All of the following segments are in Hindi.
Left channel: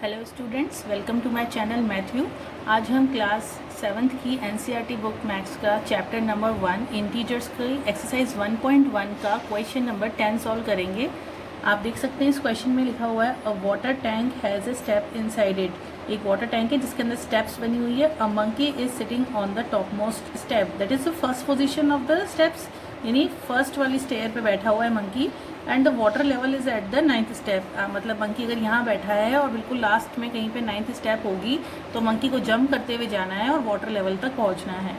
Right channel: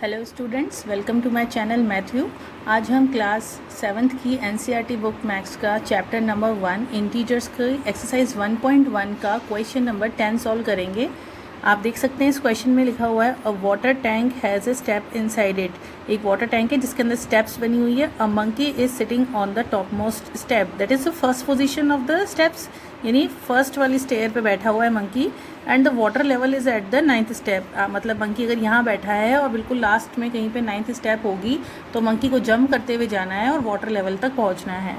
Hello students, welcome to my channel Matthew. आज हम क्लास 7th की एनसीईआरटी बुक मैथ्स का चैप्टर नंबर 1 इंटीजर्स की एक्सरसाइज 1.1 का क्वेश्चन नंबर 10 सॉल्व करेंगे। आप देख सकते हैं इस क्वेश्चन में लिखा हुआ है अ water tank has a step inside it. एक वाटर टैंक है जिसके अंदर स्टेप्स बनी हुई है। A monkey is sitting on the top most step, that is the first position of the steps, यानी फर्स्ट वाली स्टेयर पे बैठा हुआ है monkey. And the water level is at the 9th step. मतलब मंकी अगर यहाँ बैठा है और बिल्कुल लास्ट में कहीं पे 9th स्टेप होगी तो मंकी को जंप करते हुए जाना है और वाटर लेवल तक पहुँचना है।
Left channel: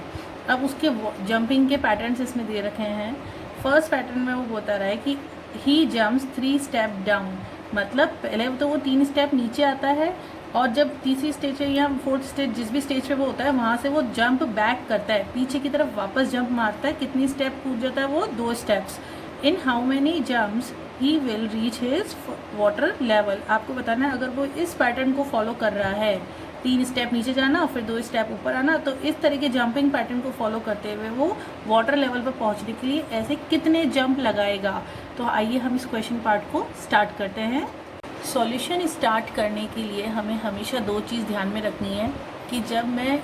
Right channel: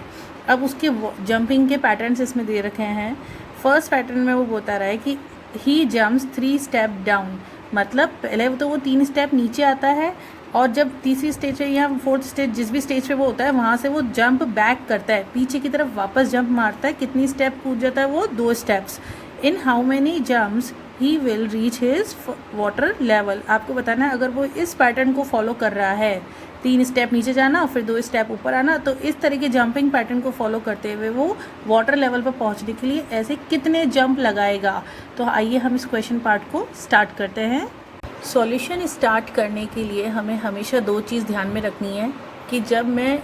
अब उसके जंपिंग के पैटर्न्स इसमें दे रखे हैं। फर्स्ट पैटर्न में वो बता रहा है कि ही जम्प्स 3 स्टेप डाउन, मतलब पहले तो वो 3 स्टेप नीचे आता है और जब तीसरी स्टेज है या फोर्थ स्टेज, जिस भी स्टेज पे वो होता है वहाँ से वो जंप बैक करता है, पीछे की तरफ वापस जंप मारता है। कितनी स्टेप कूद जाता है वो? 2 steps. In how many jumps he will reach his water level. आपको बताना है अगर वो इस पैटर्न को फॉलो कर रहा है, 3 स्टेप नीचे जाना फिर 2 स्टेप ऊपर आना, तो इस तरह के जंपिंग पैटर्न को फॉलो करते हुए वो वाटर लेवल पर पहुंचने के लिए ऐसे कितने जंप लगाएगा। तो आइए हम इस क्वेश्चन पार्ट को स्टार्ट करते हैं। सॉल्यूशन स्टार्ट करने के लिए हमें हमेशा 2 चीज़ ध्यान में रखनी है कि जब मैं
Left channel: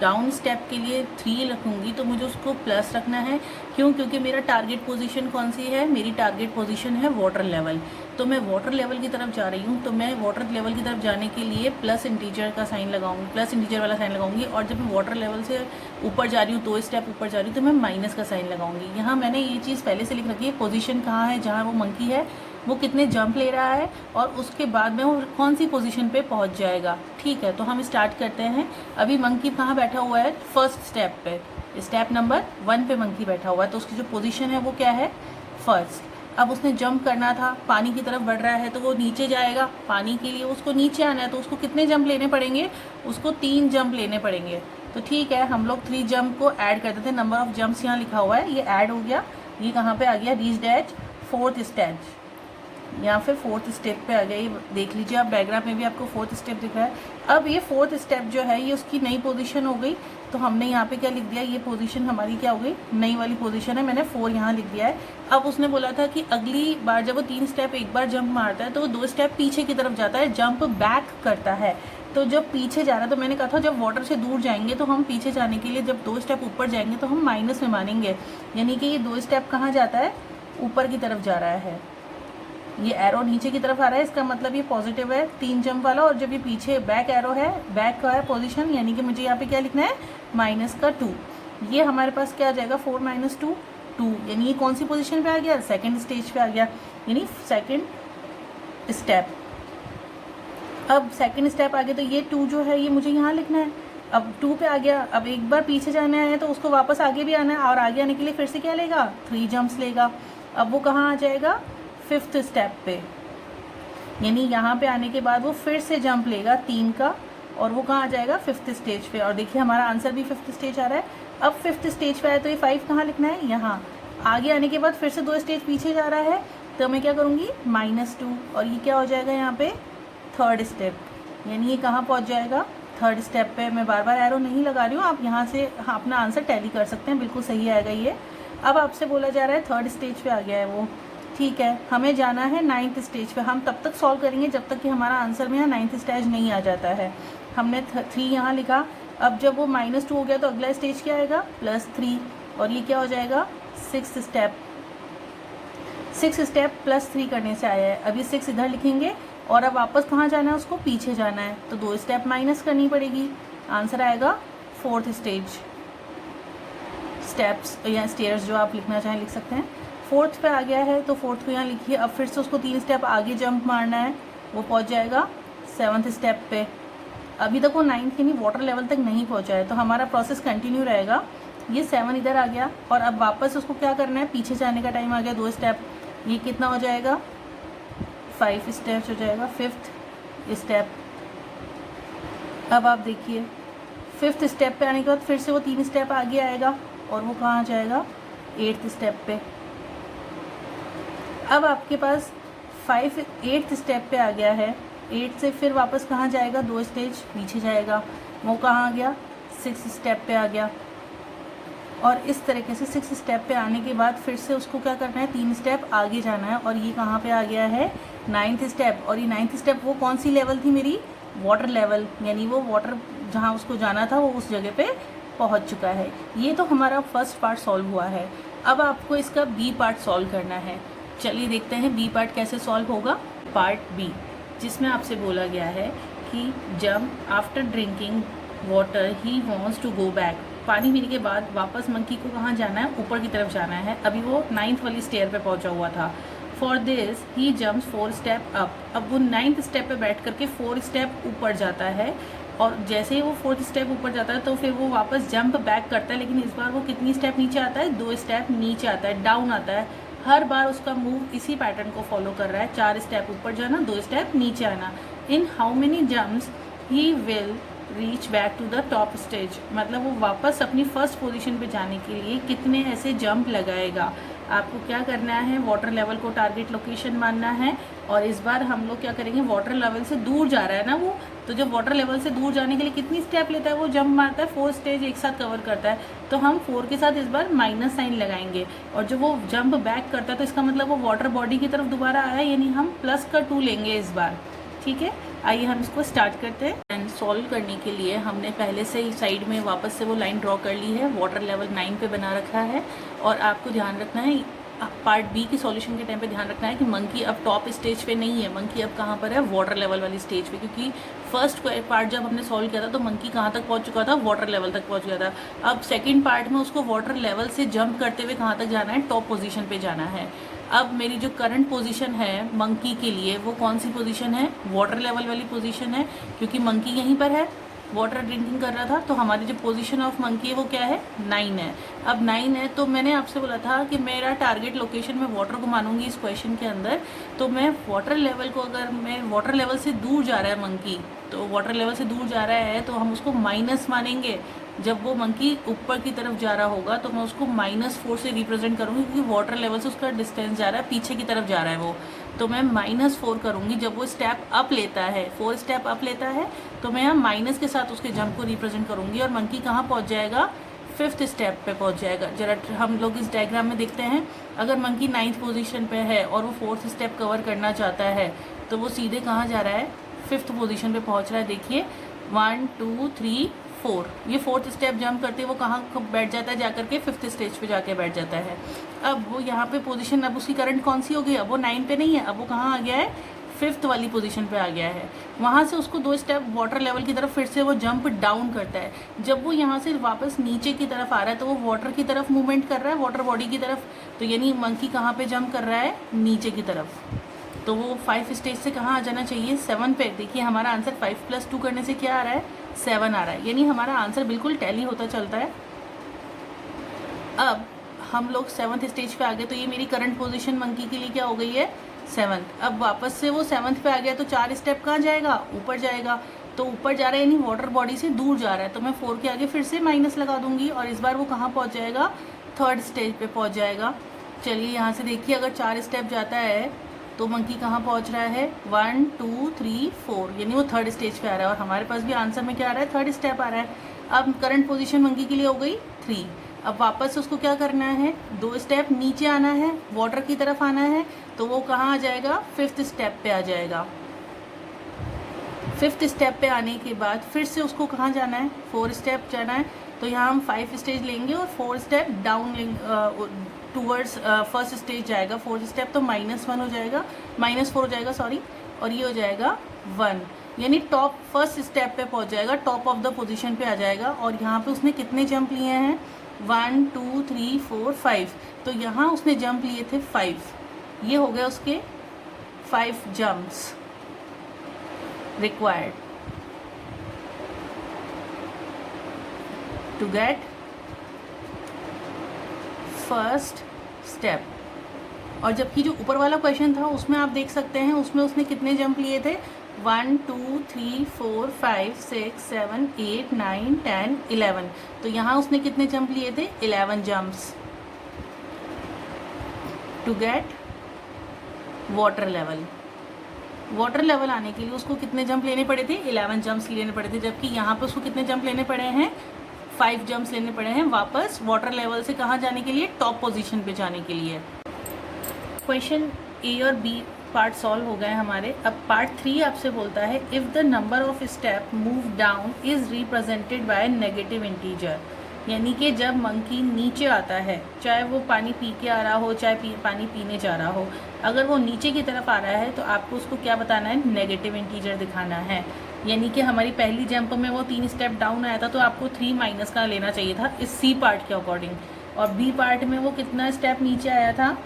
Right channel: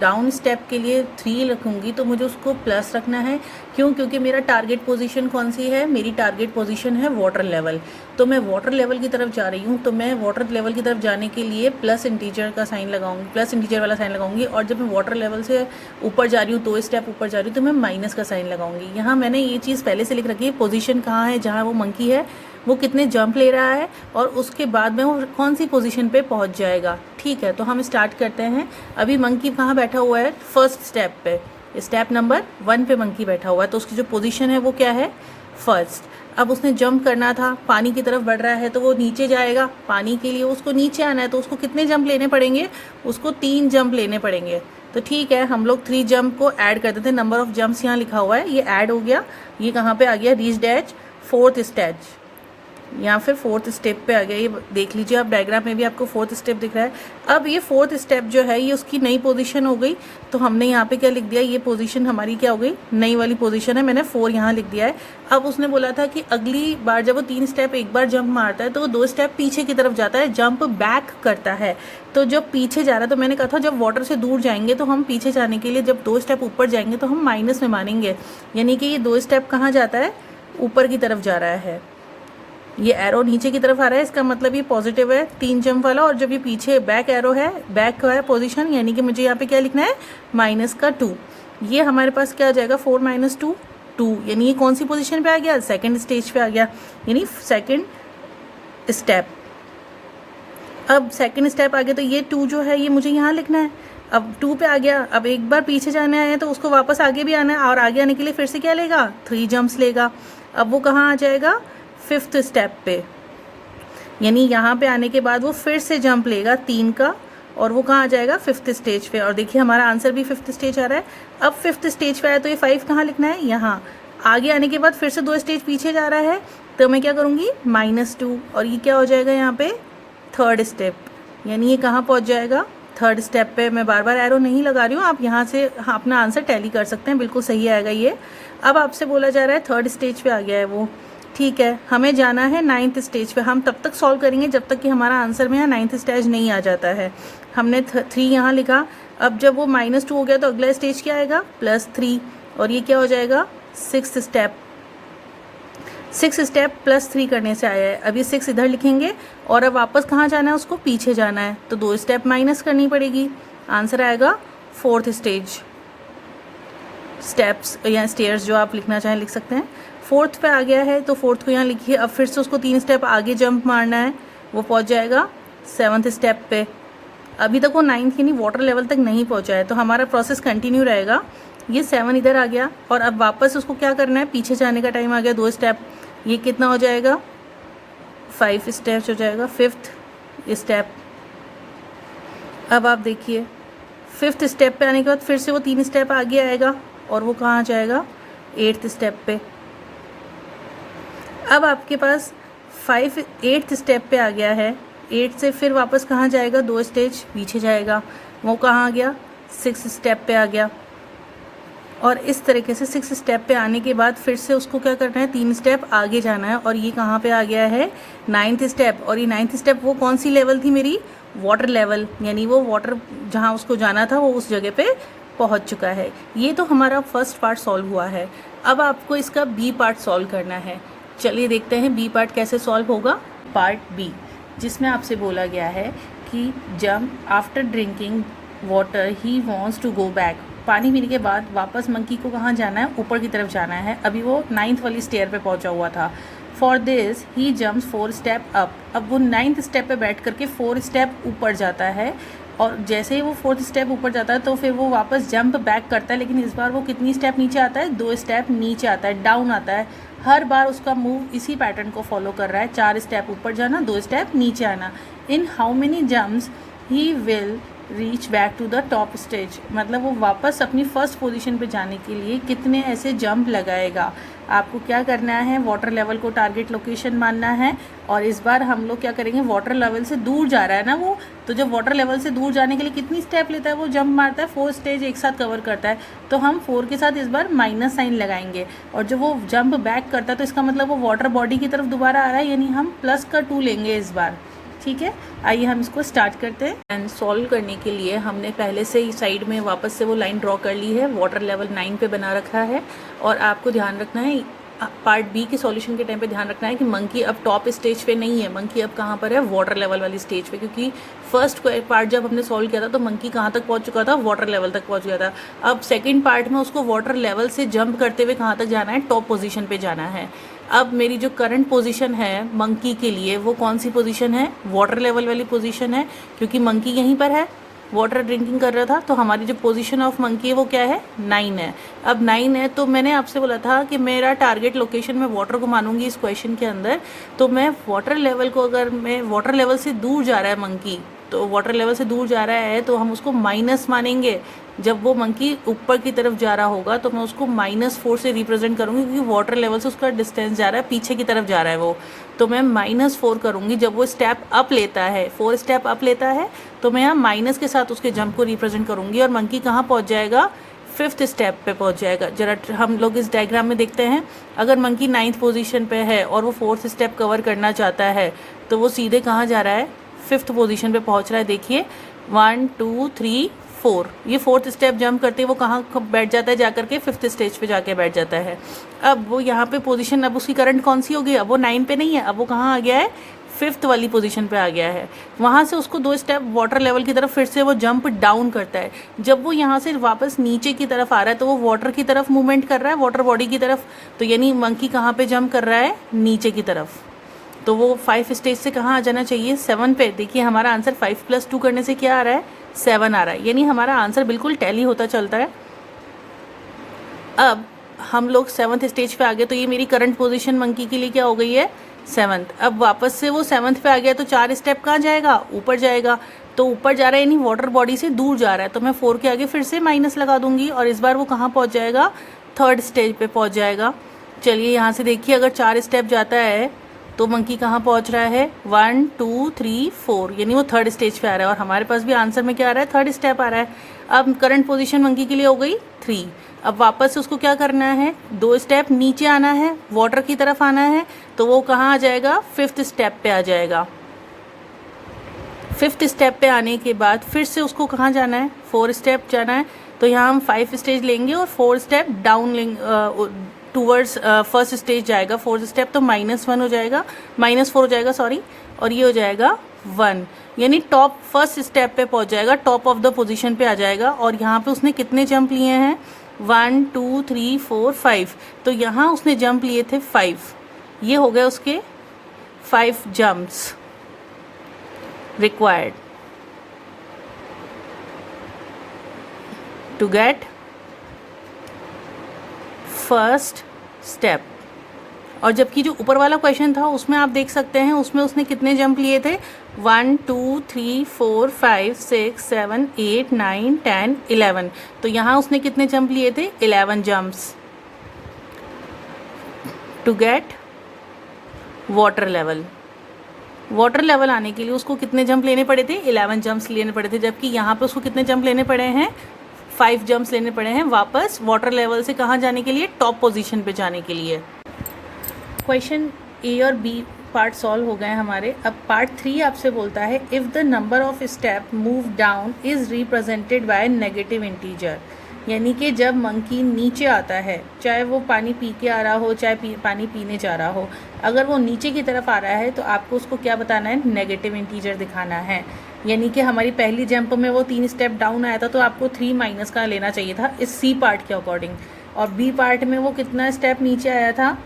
डाउन स्टेप के लिए 3 रखूँगी तो मुझे उसको प्लस रखना है। क्यों? क्योंकि मेरा टारगेट पोजीशन कौन सी है? मेरी टारगेट पोजीशन है वाटर लेवल। तो मैं वाटर लेवल की तरफ जा रही हूँ, तो मैं वाटर लेवल की तरफ जाने के लिए प्लस इंटीजर का साइन लगाऊंगी, प्लस इंटीजर वाला साइन लगाऊंगी। और जब मैं वाटर लेवल से ऊपर जा रही हूँ, 2 स्टेप ऊपर जा रही हूँ, तो मैं माइनस का साइन लगाऊंगी। यहाँ मैंने ये चीज़ पहले से लिख रखी है, पोजीशन कहाँ है, जहाँ वो मंकी है वो कितने जंप ले रहा है और उसके बाद में वो कौन सी पोजीशन पे पहुंच जाएगा। ठीक है, तो हम स्टार्ट करते हैं। अभी मंकी कहाँ बैठा हुआ है? फर्स्ट स्टेप पे, स्टेप नंबर 1 पे मंकी बैठा हुआ है, तो उसकी जो पोजीशन है वो क्या है? फर्स्ट। अब उसने जंप करना था, पानी की तरफ बढ़ रहा है तो वो नीचे जाएगा। पानी के लिए उसको नीचे आना है तो उसको कितने जंप लेने पड़ेंगे? उसको 3 जंप लेने पड़ेंगे। तो ठीक है, हम लोग 3 जंप को ऐड कर देते हैं। नंबर ऑफ जंप्स यहाँ लिखा हुआ है, ये ऐड हो गया। ये कहाँ पे आ गया? रीच्ड एट 4th स्टेज, या फिर 4th स्टेप पे आ गया। ये देख लीजिए आप, डायग्राम में भी आपको 4th स्टेप दिख रहा है। अब ये 4th स्टेप जो है ये उसकी नई पोजीशन हो गई, तो हमने यहाँ पे क्या लिख दिया? ये पोजीशन हमारी क्या हो गई? नई वाली पोजीशन है। मैंने 4 यहाँ लिख दिया है। अब उसने बोला था कि अगली बार जब वो 3 स्टेप एक बार जंप मारता है तो वो 2 स्टेप पीछे की तरफ जाता है, जंप बैक करता है। तो जब पीछे जा रहा है, तो मैंने कहा था जब वाटर से दूर जाएंगे तो हम पीछे जाने के लिए जब 2 स्टेप ऊपर जाएंगे तो हम माइनस में मानेंगे, यानी कि ये 2 स्टेप कहाँ जाता है? ऊपर की तरफ जा रहा है। ये एरो नीचे की तरफ आ रहा है, इसका मतलब ये पॉजिटिव है 3 जंप वाला। और जब ये पीछे बैक एरो है, बैक का है पोजीशन, यानी कि मुझे यहाँ पे क्या लिखना है? -2। ये हमारे पास क्या आ जाएगा? 4 - 2 2, यानी ये कौन सी पोजीशन पे आ गया? सेकंड स्टेज पे आ गया, यानी सेकंड स्टेप। अब सेकंड स्टेप आ गया तो ये 2 जो है ये मुझे यहाँ लिखना है। अब 2 पे आ गया, अब एक बार पीछे जाना है तो उसको वापस आगे भी आना है, और आगे आने के लिए फिर से क्या लेगा? 3 जंप्स लेगा। अब वो कहाँ आ जाएगा? 5th स्टेप पे, यानी यहाँ पे आने के बाद वो फिर से जंप लेगा 3 का, और वो कहाँ आ जाएगा? 5th स्टेज पे। और देखिए हमारा आंसर भी 5th स्टेज आ रहा है। अब 5th स्टेज पे आया तो ये 5 कहाँ लिखना है? यहाँ। आगे आने के बाद फिर से 2 स्टेज पीछे जा रहा है, तो मैं क्या करूँगी? -2, और ये क्या हो जाएगा यहाँ पे? 3rd स्टेप, यानी ये कहाँ पहुँच जाएगा? 3rd स्टेप पे। मैं बार बार एरो नहीं लगा रही हूँ, आप यहाँ से अपना आंसर टैली कर सकते हैं, बिल्कुल सही आएगा ये। अब आपसे बोला जा रहा है 3rd स्टेज पे आ गया है वो। ठीक है, हमें जाना है 9th स्टेज पे। हम तब तक सॉल्व करेंगे जब तक कि हमारा आंसर में यहाँ 9th स्टेज नहीं आ जाता है। हमने 3 यहाँ लिखा। अब जब वो -2 हो गया तो अगला स्टेज क्या आएगा? +3, और ये क्या हो जाएगा? 6th step. 6 स्टेप +3 करने से आया है। अब ये 6 इधर लिखेंगे, और अब वापस कहाँ जाना है? उसको पीछे जाना है, तो 2 स्टेप माइनस करनी पड़ेगी। आंसर आएगा 4th स्टेज। स्टेप्स या स्टेयर्स जो आप लिखना चाहें लिख सकते हैं। 4th पे आ गया है तो 4th को यहाँ लिखिए। अब फिर से उसको 3 स्टेप आगे जंप मारना है, वो पहुँच जाएगा 7th स्टेप पे। अभी तक वो 9th यानी वाटर लेवल तक नहीं पहुँचा है, तो हमारा प्रोसेस कंटिन्यू रहेगा। ये 7 इधर आ गया, और अब वापस उसको क्या करना है? पीछे जाने का टाइम आ गया, 2 स्टेप। ये कितना हो जाएगा? 5 स्टेप्स हो जाएगा, 5th स्टेप। अब आप देखिए 5th स्टेप पे आने के बाद फिर से वो 3 स्टेप आगे आएगा, और वो कहाँ जाएगा? 8th स्टेप पे। अब आपके पास 8th स्टेप पे आ गया है। 8 से फिर वापस कहाँ जाएगा? 2 स्टेज पीछे जाएगा, वो कहाँ आ गया? 6 स्टेप पे आ गया। और इस तरीके से 6 स्टेप पे आने के बाद फिर से उसको क्या करना है? 3 स्टेप आगे जाना है, और ये कहाँ पे आ गया है? 9th step. और ये 9th स्टेप वो कौन सी लेवल थी मेरी? वाटर लेवल, यानी वो वाटर जहाँ उसको जाना था वो उस जगह पे पहुँच चुका है। ये तो हमारा फर्स्ट पार्ट सॉल्व हुआ है। अब आपको इसका बी पार्ट सॉल्व करना है। चलिए देखते हैं बी पार्ट कैसे सॉल्व होगा। पार्ट बी, जिसमें आपसे बोला गया है कि जब after drinking water he wants to go back, पानी पीने के बाद वापस मंकी को कहाँ जाना है, ऊपर की तरफ जाना है। अभी वो 9th वाली स्टेयर पे पहुंचा हुआ था। For this he jumps 4 step up. अब वो 9th स्टेप पे बैठ करके 4 स्टेप ऊपर जाता है, और जैसे ही वो 4th स्टेप ऊपर जाता है तो फिर वो वापस जंप बैक करता है, लेकिन इस बार वो कितनी स्टेप नीचे आता है, 2 स्टेप नीचे आता है, डाउन आता है। हर बार उसका मूव इसी पैटर्न को फॉलो कर रहा है, 4 स्टेप ऊपर जाना, 2 स्टेप नीचे आना। In how many jumps he will reach back to the top stage, मतलब वो वापस अपनी फर्स्ट पोजीशन पे जाने के लिए कितने ऐसे जंप लगाएगा। आपको क्या करना है, वाटर लेवल को टारगेट लोकेशन मानना है। और इस बार हम लोग क्या करेंगे, वाटर लेवल से दूर जा रहा है ना वो, तो जब वाटर लेवल से दूर जाने के लिए कितनी स्टेप लेता है, वो जंप मारता है, 4 स्टेज एक साथ कवर करता है। तो हम 4 के साथ इस बार माइनस साइन लगाएंगे, और जब वो जंप बैक करता है तो इसका मतलब वो वाटर बॉडी की तरफ दोबारा आ रहा है, यानी हम प्लस का 2 लेंगे इस बार। ठीक है, आइए हम इसको स्टार्ट करते हैं। एंड सॉल्व करने के लिए हमने पहले से ही साइड में वापस से वो लाइन ड्रॉ कर ली है, वाटर लेवल 9 पे बना रखा है। और आपको ध्यान रखना है, पार्ट बी के सॉल्यूशन के टाइम पे ध्यान रखना है कि मंकी अब टॉप स्टेज पे नहीं है, मंकी अब कहाँ पर है, वाटर लेवल वाली स्टेज पे। क्योंकि फर्स्ट पार्ट जब हमने सॉल्व किया था तो मंकी कहाँ तक पहुँच चुका था, वाटर लेवल तक पहुँच गया था। अब सेकंड पार्ट में उसको वाटर लेवल से जंप करते हुए कहाँ तक जाना है, टॉप पोजीशन पे जाना है। अब मेरी जो करंट पोजीशन है मंकी के लिए, वो कौन सी पोजीशन है, वाटर लेवल वाली पोजीशन है, क्योंकि मंकी यहीं पर है, वाटर ड्रिंकिंग कर रहा था। तो हमारी जो पोजीशन ऑफ मंकी है वो क्या है, 9 है। अब 9 है तो मैंने आपसे बोला था कि मेरा टारगेट लोकेशन में वाटर को मानूंगी इस क्वेश्चन के अंदर। तो मैं वाटर लेवल को, अगर मैं वाटर लेवल से दूर जा रहा है मंकी, तो वाटर लेवल से दूर जा रहा है तो हम उसको माइनस मानेंगे। जब वो मंकी ऊपर की तरफ जा रहा होगा तो मैं उसको -4 से रिप्रेजेंट करूंगी, क्योंकि वाटर लेवल से उसका डिस्टेंस जा रहा है, पीछे की तरफ जा रहा है वो। तो मैं -4 करूंगी। जब वो स्टेप अप लेता है, 4 स्टेप अप लेता है, तो मैं यहाँ माइनस के साथ उसके जंप को रिप्रेजेंट करूंगी, और मंकी कहाँ पहुँच जाएगा, 5th स्टेप पे पहुँच जाएगा। जरा हम लोग इस डायग्राम में देखते हैं, अगर मंकी 9th पोजीशन पे है और वो 4th स्टेप कवर करना चाहता है तो वो सीधे कहाँ जा रहा है, 5th पोजीशन पे पहुँच रहा है। देखिए 1 2 3 4, ये 4th स्टेप जंप करते वो कहाँ बैठ जाता है, जाकर के 5th स्टेज पे जाके बैठ जाता है। अब वो यहाँ पे पोजीशन, अब उसकी करंट कौन सी होगी, अब वो 9 पे नहीं है, अब वो कहाँ आ गया है, 5th वाली पोजीशन पे आ गया है। वहाँ से उसको 2 स्टेप वाटर लेवल की तरफ फिर से वो जंप डाउन करता है। जब वो यहाँ से वापस नीचे की तरफ आ रहा है तो वो वाटर की तरफ मूवमेंट कर रहा है, वाटर बॉडी की तरफ। तो यानी मंकी कहाँ पे जंप कर रहा है, नीचे की तरफ। तो वो 5 स्टेज से कहाँ आ जाना चाहिए, 7 पे। देखिए हमारा आंसर 5 + 2 करने से क्या आ रहा है, 7 आ रहा है, यानी हमारा आंसर बिल्कुल टैली होता चलता है। अब हम लोग 7th स्टेज पे आ गए, तो ये मेरी करंट पोजीशन मंकी के लिए क्या हो गई है, 7th। अब वापस से वो 7th पे आ गया तो 4 स्टेप कहाँ जाएगा, ऊपर जाएगा। तो ऊपर जा रहा है यानी वाटर बॉडी से दूर जा रहा है, तो मैं 4 के आगे फिर से माइनस लगा दूंगी, और इस बार वो कहाँ पहुँच जाएगा, 3rd स्टेज पे पहुँच जाएगा। चलिए यहाँ से देखिए, अगर 4 स्टेप जाता है तो मंकी कहाँ पहुँच रहा है, 1 2 3 4, यानी वो 3rd स्टेज पे आ रहा है। और हमारे पास भी आंसर में क्या आ रहा है, 3rd स्टेप आ रहा है। अब करंट पोजीशन मंकी के लिए हो गई 3। अब वापस से उसको क्या करना है, 2 स्टेप नीचे आना है, वाटर की तरफ आना है, तो वो कहाँ आ जाएगा, 5th स्टेप पे आ जाएगा। 5th स्टेप पे आने के बाद फिर से उसको कहाँ जाना है, 4 स्टेप जाना है। तो यहाँ हम 5 स्टेज लेंगे और 4 स्टेप डाउन लेंगे, टूवर्ड्स 1st स्टेज जाएगा। 4th स्टेप तो -1 हो जाएगा, -4 हो जाएगा सॉरी, और ये हो जाएगा 1, यानी टॉप 1st स्टेप पे पहुंच जाएगा, टॉप ऑफ द पोजीशन पे आ जाएगा। और यहाँ पे उसने कितने जंप लिए हैं, 1 2 3 4 5, तो यहाँ उसने जंप लिए थे 5। ये हो गए उसके 5 jumps required to get first step. और जबकि जो ऊपर वाला क्वेश्चन था उसमें आप देख सकते हैं, उसमें उसने कितने जंप लिए थे, 1 2 3 4 5 6 7 8 9 10 11, तो यहाँ उसने कितने जंप लिए थे, 11 jumps to get water level. Water level आने के लिए उसको कितने जंप लेने पड़े थे, 11 जंप्स लेने पड़े थे, जबकि यहाँ पे उसको कितने जंप लेने पड़े हैं, 5 जंप्स लेने पड़े हैं वापस वाटर लेवल से कहाँ जाने के लिए, टॉप पोजीशन पे जाने के लिए। क्वेश्चन ए और बी पार्ट सॉल्व हो गए हमारे। अब पार्ट 3 आपसे बोलता है if the number of step move down is represented by negative integer, यानी कि जब मंकी नीचे आता है, चाहे वो पानी पी के आ रहा हो चाहे पानी पीने जा रहा हो, अगर वो नीचे की तरफ आ रहा है तो आपको उसको क्या बताना है, नेगेटिव इंटीजर दिखाना है। यानी कि हमारी पहली जंप में वो 3 स्टेप डाउन आया था तो आपको 3 माइनस का लेना चाहिए था इस सी पार्ट के अकॉर्डिंग, और बी पार्ट में वो कितना स्टेप नीचे आया था,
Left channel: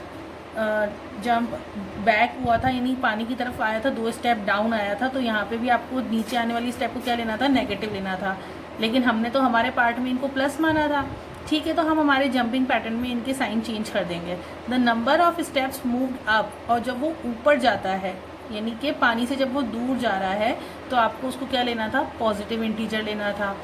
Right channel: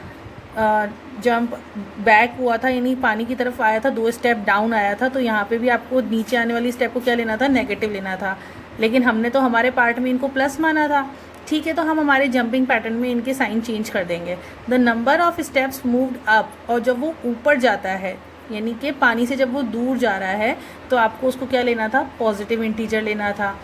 जंप बैक हुआ था, यानी पानी की तरफ आया था, 2 स्टेप डाउन आया था, तो यहाँ पे भी आपको नीचे आने वाली स्टेप को क्या लेना था, नेगेटिव लेना था। लेकिन हमने तो हमारे पार्ट में इनको प्लस माना था, ठीक है, तो हम हमारे जंपिंग पैटर्न में इनके साइन चेंज कर देंगे। The number of steps moved up, और जब वो ऊपर जाता है यानी कि पानी से जब वो दूर जा रहा है तो आपको उसको क्या लेना था, पॉजिटिव इंटीजर लेना था।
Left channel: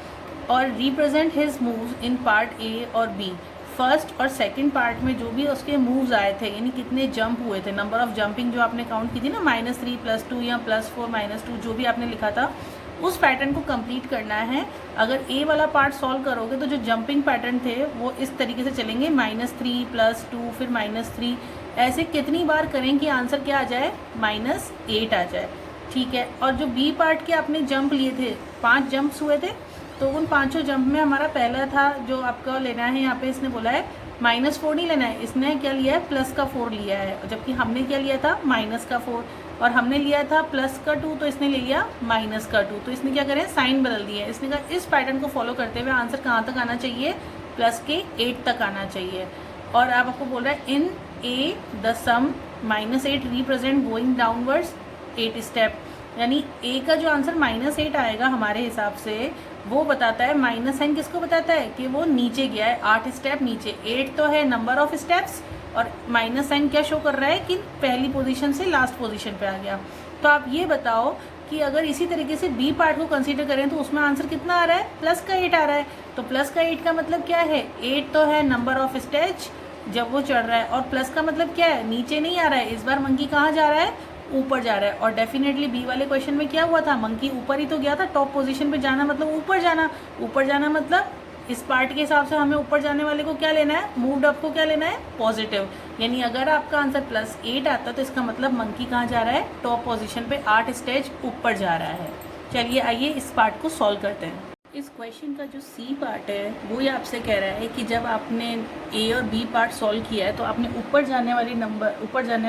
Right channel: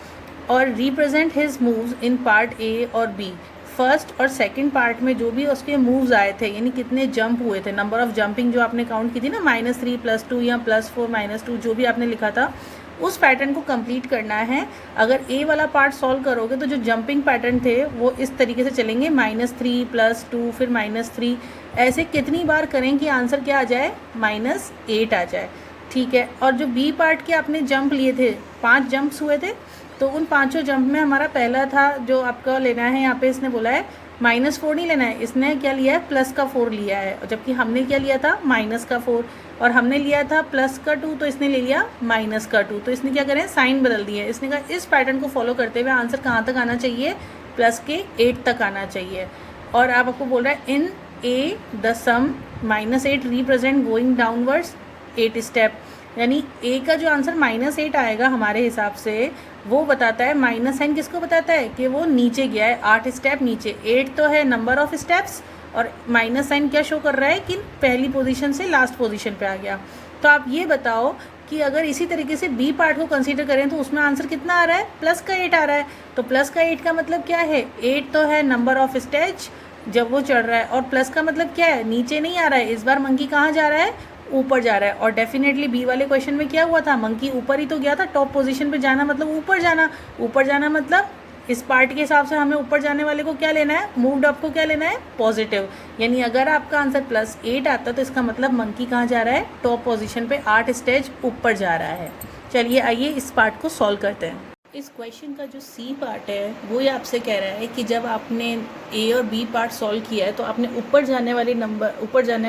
और represent his moves in part A और बी, फर्स्ट और सेकंड पार्ट में जो भी उसके मूव्स आए थे, यानी कितने जंप हुए थे, नंबर ऑफ जंपिंग जो आपने काउंट की थी ना, -3 +2 या +4 -2 जो भी आपने लिखा था, उस पैटर्न को कंप्लीट करना है। अगर ए वाला पार्ट सॉल्व करोगे तो जो जंपिंग पैटर्न थे वो इस तरीके से चलेंगे, -3 +2 फिर -3, ऐसे कितनी बार करें कि आंसर क्या आ जाए, -8 आ जाए, ठीक है। और जो बी पार्ट के आपने जंप लिए थे, 5 जंप्स हुए थे, तो उन 5 जंप में हमारा पहला था जो आपका लेना है, यहाँ पे इसने बोला है -4 नहीं लेना है, इसने क्या लिया है, +4 लिया है, जबकि हमने क्या लिया था, -4, और हमने लिया था +2, तो इसने ले लिया -2, तो इसने क्या करें, साइन बदल दिया है। इसने कहा इस पैटर्न को फॉलो करते हुए आंसर कहाँ तक आना चाहिए, +8 तक आना चाहिए। और आप आपको बोल रहा है in A the sum -8 represent going downwards 8 step, यानी ए का जो आंसर -8 आएगा हमारे हिसाब से, वो बताता है, माइनस साइन किसको बताता है कि वो नीचे गया है, 8 स्टेप नीचे। 8 तो है नंबर ऑफ स्टेप्स, और माइनस साइन क्या शो कर रहा है कि पहली पोजीशन से लास्ट पोजीशन पे आ गया। तो आप ये बताओ कि अगर इसी तरीके से बी पार्ट को कंसीडर करें तो उसमें आंसर कितना आ रहा है, +8 आ रहा है। तो +8 का मतलब क्या है, 8 तो है नंबर ऑफ स्टेज जब वो चढ़ रहा है, और प्लस का मतलब क्या है, नीचे नहीं आ रहा है, इस बार मंकी कहाँ जा रहा है, ऊपर जा रहा है। और डेफिनेटली बी वाले क्वेश्चन में क्या हुआ था, मंकी ऊपर ही तो गया था, टॉप पोजीशन पे जाना मतलब ऊपर जाना, ऊपर जाना मतलब इस पार्ट के हिसाब से हमें ऊपर जाने वाले को क्या लेना है, मूव्ड अप को क्या लेना है, पॉजिटिव। यानी अगर आपका आंसर +8 आता तो इसका मतलब मंकी कहाँ जा रहा है, टॉप पोजीशन पे 8 स्टेज ऊपर जा रहा है। चलिए आइए इस पार्ट को सॉल्व करते हैं। इस क्वेश्चन का जो सी पार्ट है वो ये आपसे कह रहा है कि जब आपने ए और बी पार्ट सॉल्व किया है तो आपने ऊपर जाने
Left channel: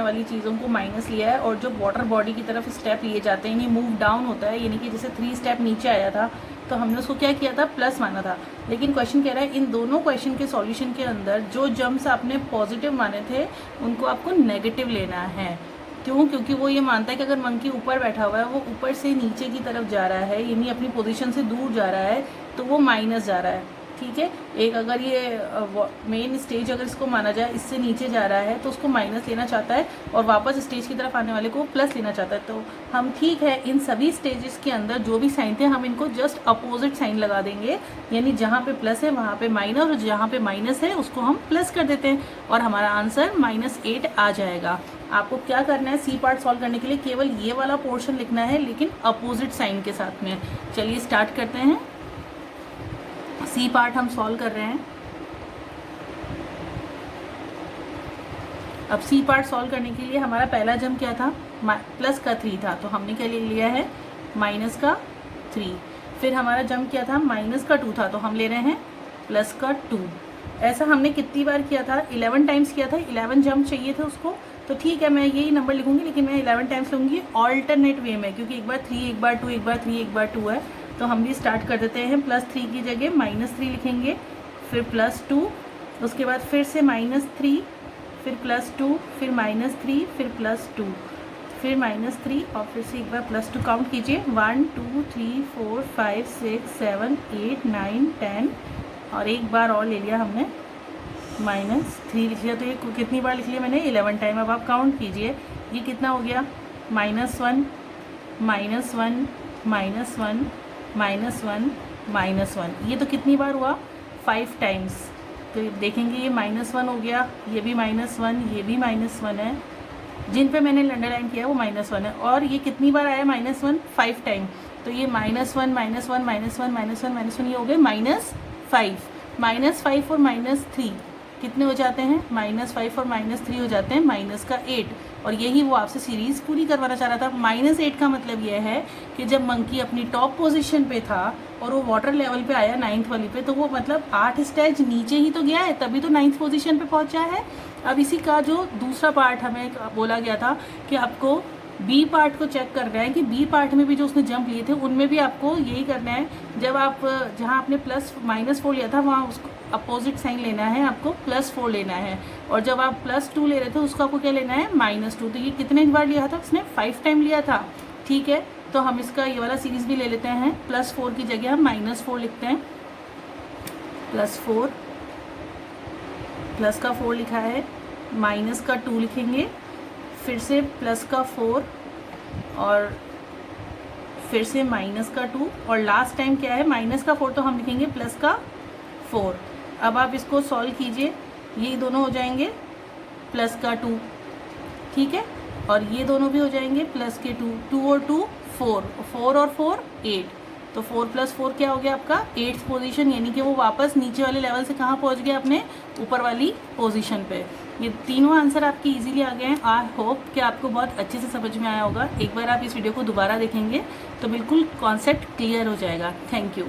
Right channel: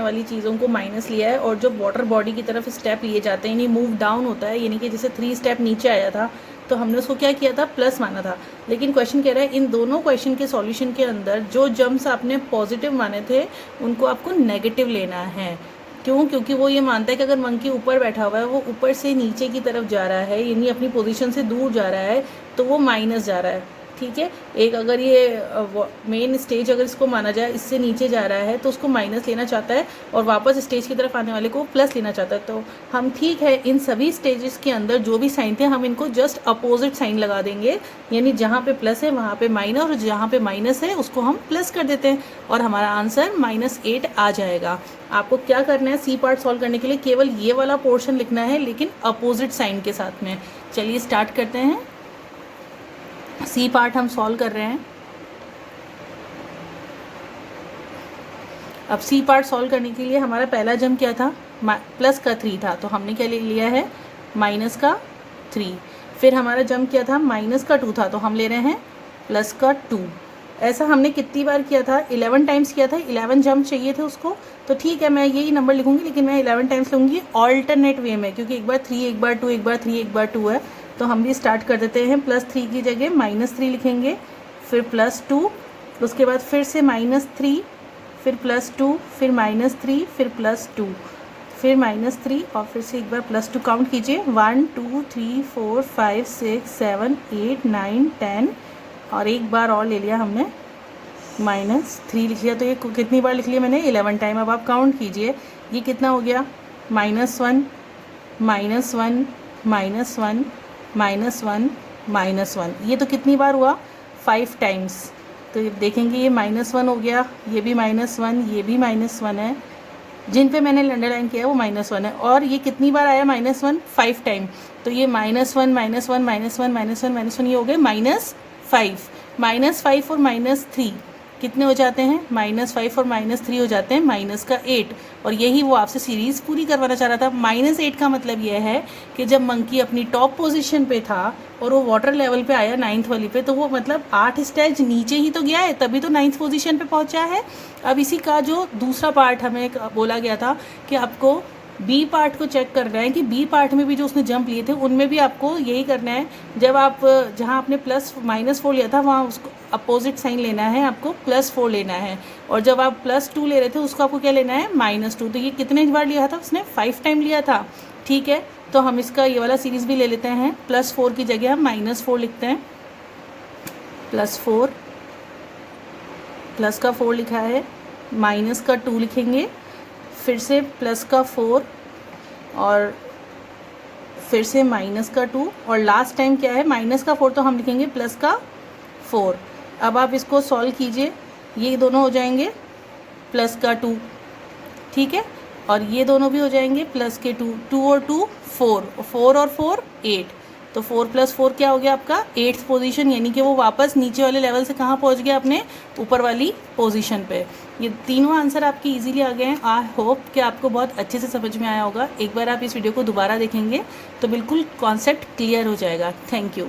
वाली चीज़ों को माइनस लिया है, और जो वाटर बॉडी की तरफ स्टेप लिए जाते हैं यानी मूव डाउन होता है, यानी कि जैसे 3 स्टेप नीचे आया था तो हमने उसको क्या किया था, प्लस माना था। लेकिन क्वेश्चन कह रहा है इन दोनों क्वेश्चन के सॉल्यूशन के अंदर जो जम्प्स आपने पॉजिटिव माने थे उनको आपको नेगेटिव लेना है। क्यों, क्योंकि वो ये मानता है कि अगर मंकी ऊपर बैठा हुआ है, वो ऊपर से नीचे की तरफ जा रहा है, यानी अपनी पोजीशन से दूर जा रहा है, तो वो माइनस जा रहा है, ठीक है। एक अगर ये मेन स्टेज अगर इसको माना जाए, इससे नीचे जा रहा है तो उसको माइनस लेना चाहता है, और वापस स्टेज की तरफ आने वाले को प्लस लेना चाहता है। तो हम ठीक है, इन सभी स्टेजेस के अंदर जो भी साइन थे हम इनको जस्ट अपोजिट साइन लगा देंगे, यानी जहाँ पे प्लस है वहाँ पे माइनस, और जहाँ पे माइनस है उसको हम प्लस कर देते हैं, और हमारा आंसर -8 आ जाएगा। आपको क्या करना है, सी पार्ट सॉल्व करने के लिए केवल ये वाला पोर्शन लिखना है, लेकिन अपोजिट साइन के साथ में। चलिए स्टार्ट करते हैं। सी पार्ट हम सॉल्व कर रहे हैं। अब सी पार्ट सॉल्व करने के लिए हमारा पहला जंप क्या था, +3 था, तो हमने क्या ले लिया है, -3। फिर हमारा जंप क्या था, -2 था, तो हम ले रहे हैं +2। ऐसा हमने कितनी बार किया था, 11 टाइम्स किया था, 11 जंप चाहिए थे उसको, तो ठीक है मैं यही नंबर लिखूंगी, लेकिन मैं 11 टाइम्स लूँगी ऑल्टरनेट वे में, क्योंकि एक बार 3 एक बार 2 एक बार 3 एक बार 2 है। तो हम भी स्टार्ट कर देते हैं, +3 की जगह -3 लिखेंगे, फिर +2, उसके बाद फिर से -3, फिर +2, फिर -3, फिर +2, फिर -3, और फिर से एक बार +2 काउंट कीजिए, 1 2 3 4 5 6 7 8 9 10, और एक बार और ले लिया हमने, -3 लिख लिया। तो ये कितनी बार लिख लिया मैंने, 11 टाइम। अब आप काउंट कीजिए, ये कितना हो गया, -1 -1 -1 -1 -1, ये तो कितनी बार हुआ, 5 टाइम्स। तो देखेंगे ये -1 हो गया, ये भी -1, ये भी -1 है, जिन पे मैंने अंडरलाइन किया है वो -1 है। और ये कितनी बार आया -1, 5 टाइम। तो ये -1 -1 -1 -1 -1 -1, ये हो गए -5 और -3, कितने हो जाते हैं, -5 और -3 हो जाते हैं -8। और यही वो आपसे सीरीज़ पूरी करवाना चाह रहा था। -8 का मतलब यह है कि जब मंकी अपनी टॉप पोजीशन पे था और वो वाटर लेवल पे आया 9th वाली पे, तो वो मतलब 8 स्टेज नीचे ही तो गया है, तभी तो 9th पोजीशन पे पहुंचा है। अब इसी का जो दूसरा पार्ट हमें बोला गया था कि आपको बी पार्ट को चेक करना है कि बी पार्ट में भी जो उसने जंप लिए थे उनमें भी आपको यही करना है। जब आप जहाँ आपने -4 लिया था वहाँ उसको अपोजिट साइन लेना है, आपको +4 लेना है। और जब आप +2 ले रहे थे उसको आपको क्या लेना है, -2। तो ये कितने बार लिया था उसने, 5 टाइम लिया था। ठीक है, तो हम इसका ये वाला सीरीज़ भी ले लेते हैं। +4 की जगह हम -4 लिखते हैं। +4, प्लस का 4 लिखा है, माइनस का 2 लिखेंगे, फिर से प्लस का 4 और फिर से माइनस का 2 और लास्ट टाइम क्या है, माइनस का 4, तो हम लिखेंगे प्लस का 4। अब आप इसको सॉल्व कीजिए, ये दोनों हो जाएंगे प्लस का 2, ठीक है, और ये दोनों भी हो जाएंगे प्लस के 2, 2 और 2 4, 4 और 4 8। तो 4 + 4 क्या हो गया आपका, 8th पोजीशन, यानी कि वो वापस नीचे वाले लेवल से कहाँ पहुँच गया, अपने ऊपर वाली पोजीशन पे। ये तीनों आंसर आपके इजीली आ गए हैं। आई होप कि आपको बहुत अच्छे से समझ में आया होगा। एक बार आप इस वीडियो को दोबारा देखेंगे तो बिल्कुल कॉन्सेप्ट क्लियर हो जाएगा। Thank you.